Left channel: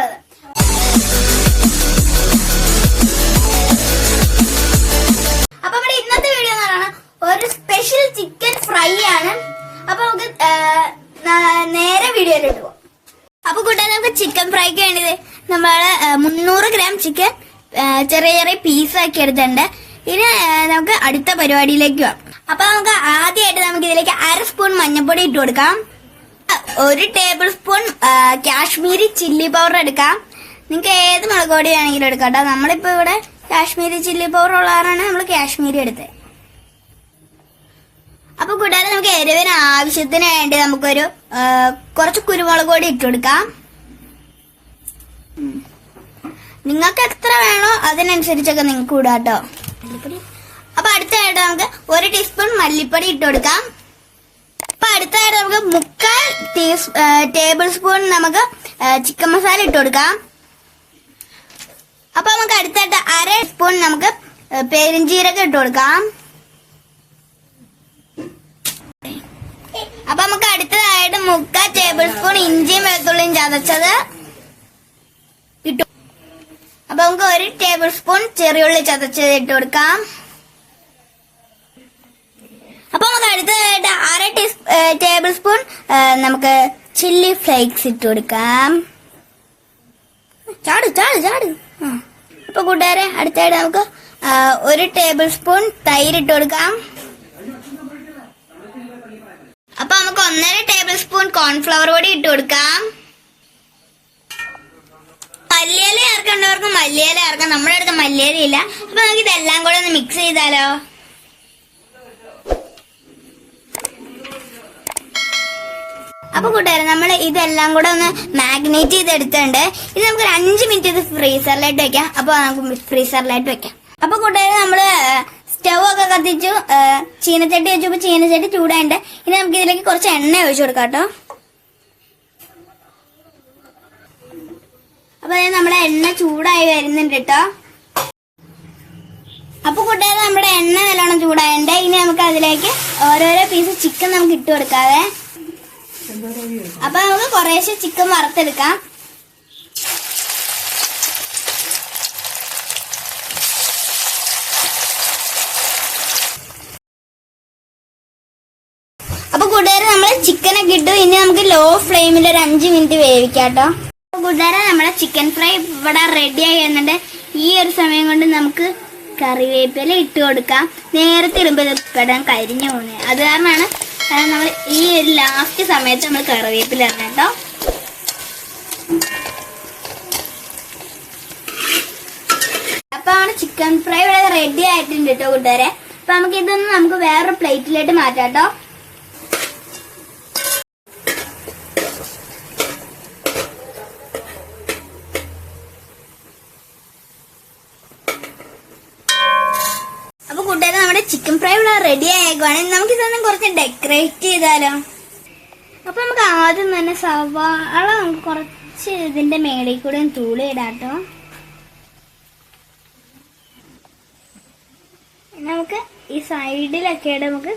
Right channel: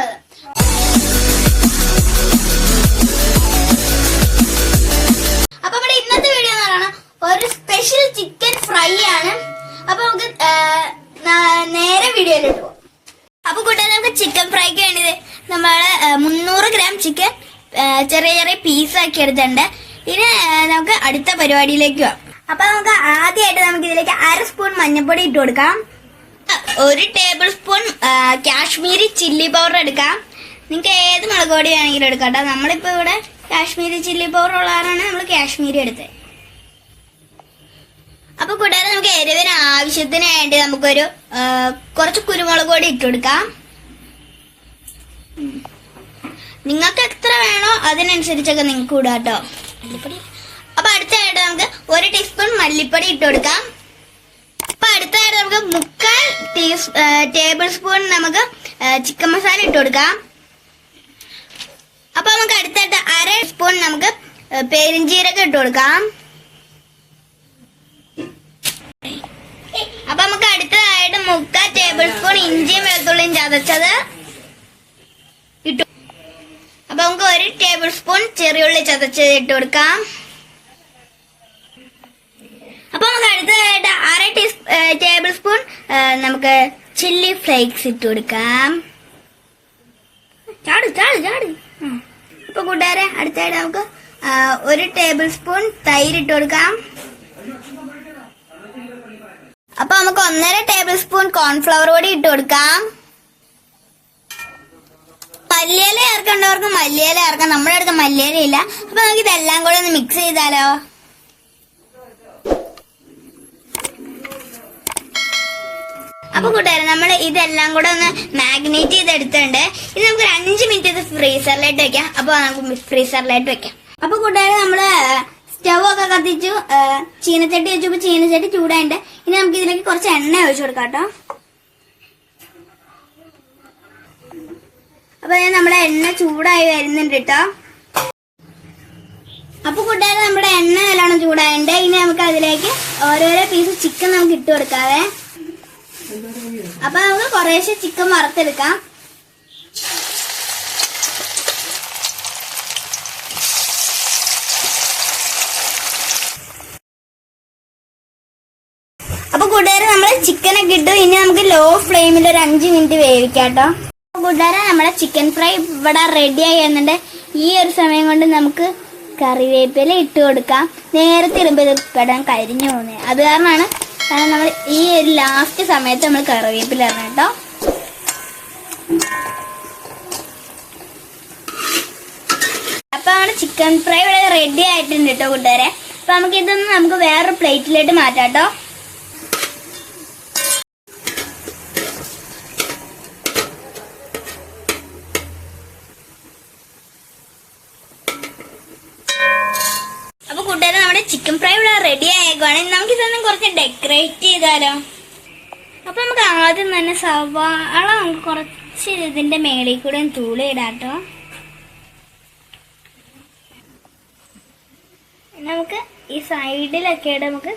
സ്വാഗതം. അപ്പൊ നമ്മുടെ ഇന്നത്തെ വീഡിയോ എന്ന് പറയുന്നത് ഒരു സ്പെഷ്യൽ ചിക്കൻ ഫ്രൈ ആണ്. അപ്പൊ നമുക്ക് നേരെ വീഡിയോയിലോട്ട് പോകാം. അപ്പൊ കൂട്ടുകാരെ, നമുക്ക് ചിക്കൻ ഫ്രൈക്ക് വേണ്ടത് നമ്മള് 300 ഗ്രാം ചിക്കൻ ചെറിയ ചെറിയ പീസാക്കി എടുത്തിട്ടുണ്ട്. ഇനി നമുക്ക് അടുത്ത പരിപാടിയിലേക്ക് പോകാം. അപ്പൊ നമുക്ക് ആദ്യമായിട്ട് നമുക്ക് ഇതിലേക്ക് 1/2 സ്പൂൺ മഞ്ഞൾപ്പൊടി ഇട്ട് കൊടുക്കാം. 1 table spoon Kashmiri chilli powder എടുക്കാം. നിങ്ങൾക്ക് ഏത് മുളക് പൊടി വേണമെങ്കിലും എടുക്കാം കേട്ടോ. നമ്മളിപ്പോ ഇവിടെ കാശ്മീരി ചില്ലി പൗഡർ ഉള്ളതാണ് നമ്മൾ കാശ്മീരി എടുത്തത്. അപ്പൊ കൂടാതെ നമുക്ക് എരിവിന് ആവശ്യത്തിന് വേണ്ടി നമുക്കൊരു കുറച്ച് കുരുമുളക് പൊടി ഇട്ട് കൊടുക്കാം. നിങ്ങൾക്ക് എത്ര വേണോ അതിനനുസരിച്ചൊക്കെ നിങ്ങൾക്ക് ഇടാം കേട്ടോ. അപ്പൊ അടുത്തായിട്ട് നമുക്ക് 1 ടീസ്പൂൺ മല്ലിപ്പൊടി ഇട്ട് കൊടുക്കാം. അപ്പൊ അടുത്തായിട്ട് നമുക്ക് 3/4 ടേബിൾ സ്പൂൺ നമുക്ക് ചിക്കൻ മസാല ഇട്ട് കൊടുക്കാം. അപ്പൊ നമുക്ക് അടുത്തായിട്ട് 1/2 സ്പൂൺ നമുക്ക് പെരിഞ്ചീരകം ഇട്ട് കൊടുക്കാം. അപ്പൊ നമുക്ക് അടുത്തതായിട്ട് 3/4 ടേബിൾ സ്പൂൺ ഇഞ്ചിയും വെളുത്തുള്ളിയും ചതച്ചത് ഇട്ടു. അപ്പൊ നമുക്ക് 1 ടേബിൾ സ്പൂൺ ചെറിയുള്ളി ചതച്ചത് ഇട്ട് കൊടുക്കാം. അപ്പൊ നമുക്ക് അടുത്തതായിട്ട് 1/2 ടേബിൾ സ്പൂൺ നമുക്ക് ചില്ലി ഫ്ലേക്സ് ഇട്ട് കൊടുക്കാം. ചാട് ചാട് ചാട്. അപ്പൊ കൂട്ടുകാരെ, അടുത്തായിട്ട് നമുക്ക് 1 ടേബിൾ സ്പൂൺ തൈര് ഇട്ട് കൊടുക്കാം. അപ്പൊ നമുക്ക് 1.5 ടേബിൾ സ്പൂൺ കോൺഫ്ലവർ പൊടി ഇട്ട് കൊടുക്കാം. മല്ലിയില ചേർക്കേണ്ടവർക്ക് മല്ലിയില ചേർക്കാം. നമ്മുടെ അടുത്ത് മല്ലിയില ഇല്ല. അപ്പൊ നമുക്ക് ഇതെല്ലാം കൂടെ ഒന്ന് മിക്സ് ചെയ്താലോ. അപ്പൊ കൂട്ടുകാരെ, നമ്മൾ ഇതെല്ലാം കൂടെ ഒന്ന് മാഗ്നേറ്റ് ചെയ്തെടുത്തിട്ടുണ്ട്. ഇത് നമുക്ക് 5 മിനിറ്റ് ഇത് ഫ്രീസറിലായിട്ട് വെക്കാം. അപ്പൊ നമുക്ക് ഫ്രീസറിലായിട്ട് വെക്കാം. അപ്പൊ കൂട്ടുകാരെ, നമ്മള് സ്റ്റവ് ഒക്കെ കത്തിച്ചു ചീനച്ചട്ടി വെച്ചപ്പോ ചീനച്ചട്ടി ചൂടായിട്ട് ഇനി നമുക്ക് ഇതിലേക്ക് കുറച്ച് എണ്ണ ഒഴിച്ചു കൊടുക്കാം കേട്ടോ. അപ്പൊ നമ്മുടെ എണ്ണ ചൂടായി വരുന്നുണ്ട് കേട്ടോ. അപ്പൊ കൂട്ടുകാരെ, നമ്മുടെ എണ്ണ നല്ലോണം ചൂടായിട്ടുണ്ട്. ഇനി നമുക്ക് അതിലേക്ക് ഓരോരോ പീസ് ചിക്കൻ നമുക്ക് ഇട്ട് കൊടുക്കാവേ. അപ്പൊ നമുക്ക് കുറേശ്ശെ ചിക്കൻ വറുത്തെടുക്കാം. അപ്പൊ കൂട്ടുകാരെ, നമ്മള് ചിക്കനൊക്കെ ഇട്ടു. ഇനി നമുക്ക് ലോ ഫ്ലെയിമിൽ ഒരു 5 മിനിറ്റ് വേവിക്കാം കേട്ടോ. അപ്പൊ കൂട്ടുകാരെ, നമ്മളെ ചിക്കൻ ഫ്രൈ ഇവിടെ റെഡി ആയി വരുന്നുണ്ട്. ഈ ഒരു സമയം കൊണ്ട് നമുക്ക് കറിവേപ്പില ഇട്ട് കൊടുക്കാം. നേരത്തെ ഇടുമ്പോൾ കിടാൻ കരിഞ്ഞു പോകുന്നത്. അത് കാരണമാണ് നമ്മൾ ഈ ഒരു ലാസ്റ്റ് സമയത്ത് നമ്മൾ കറിവേപ്പില ഇടണം കേട്ടോ. അപ്പൊ നമ്മുടെ ചിക്കൻ ഫ്രൈ ഇവിടെ റെഡി ആയിട്ടുണ്ട് കേട്ടോ കൂട്ടുകാരെ. അപ്പൊ നമുക്ക് ഇതൊന്ന് നമുക്ക് വേറൊരു പ്ലേറ്റിലോട്ട് മാറ്റാം കേട്ടോ. അപ്പൊ കൂട്ടുകാരെ, നമ്മുടെ ചിക്കൻ ഫ്രൈ ഇവിടെ റെഡി ആയേക്കുവാണ്. നമുക്ക് ഇതൊന്നും കുറച്ച് ഡെക്കറേറ്റ് ചെയ്താലോ. അപ്പൊ നമുക്ക് ആദ്യം തന്നെ സവാള നമുക്ക് കുറച്ച് ഇതിന്റെ മേളിൽ കൂടെ തൂളി ഇടാട്ടോ. നമുക്ക് ഈ സൈഡിലൊക്കെ നമുക്ക്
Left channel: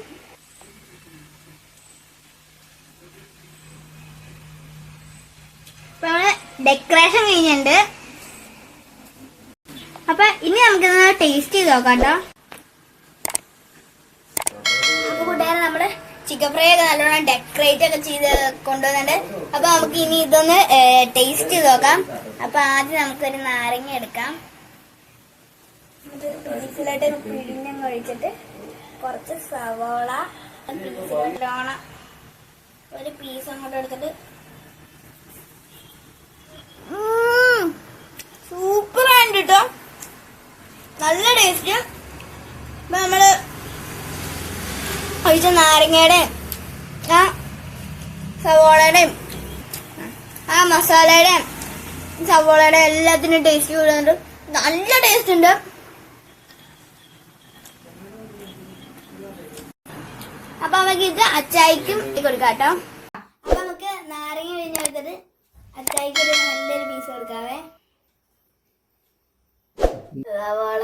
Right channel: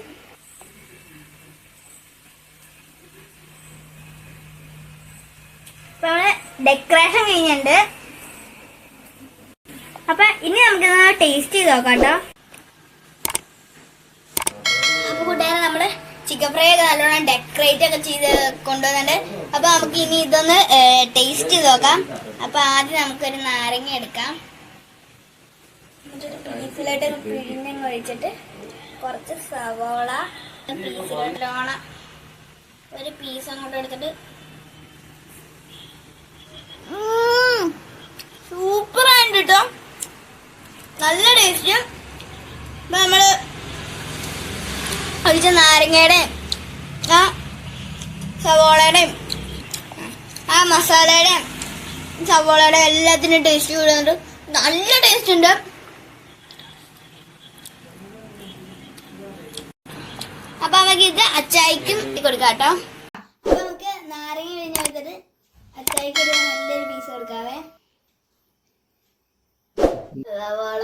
നമ്മള് ഡെക്കറേഷൻ കഴിഞ്ഞിട്ടുണ്ട്. അപ്പൊ ഇനി നമുക്കൊന്ന് ടേസ്റ്റ് ചെയ്ത് നോക്കാം കേട്ടോ. അപ്പൊ കൂട്ടുകാരെ, നമ്മള് ചിക്കൻ ഫ്രൈ ഒക്കെ നല്ലോണം ഡെക്കറേറ്റ് ഒക്കെ ചെയ്ത് കൊണ്ടുവന്നിട്ടുണ്ട്. അപ്പൊ നമുക്ക് ഇനി ഇതൊന്ന് ടേസ്റ്റ് ചെയ്ത് നോക്കാം. അപ്പൊ ആദ്യം നമുക്കൊരു നാരങ്ങ എടുക്കാം. എന്നിട്ടൊരു പീസിലായിട്ട് പിഴിഞ്ഞങ്ങ് ഒഴിച്ചിട്ട് കുറച്ച് സവോള പീസിലോട്ട് ഒരു പീസ് അങ്ങോട്ട് എടുത്തിട്ട് സൂപ്പർ ആയിട്ട് കേട്ടോ. നല്ല ടേസ്റ്റ്. ഇപ്പൊ നമ്മള് ഒഴിച്ച നാരങ്ങയുടെയും ആ സവോളയുടെയും ആ മസാലയുടെയും സവോളയുടെയും എല്ലാത്തിനും ടേസ്റ്റ് കൂടുന്നുണ്ട്. നല്ല ടേസ്റ്റ് ഉണ്ട്. അപ്പൊ നമുക്ക് ഇത് അച്ചായിക്കും കൊടുക്കാം കേട്ടോ. അപ്പൊ നമുക്ക് നാരങ്ങ പിഴിഞ്ഞ് എടുത്തിട്ട് അച്ചായിക്ക് ഒരു നല്ലൊരു പീസ് കൊടുക്കാവേ. സവാള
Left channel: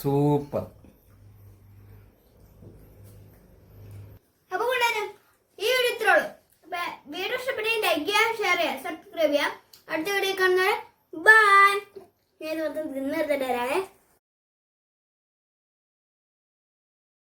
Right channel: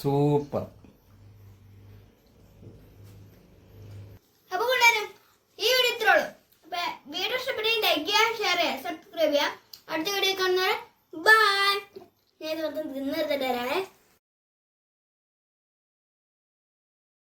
സൂപ്പർ. അപ്പൊ സബ്സ്ക്രൈബ് ചെയ്യാം. അടുത്ത വീഡിയോ കാണുന്നവരെ ബൈ. ഞാൻ ഇത് മൊത്തം തിന്നെടുത്തിട്ട് വരാവേ.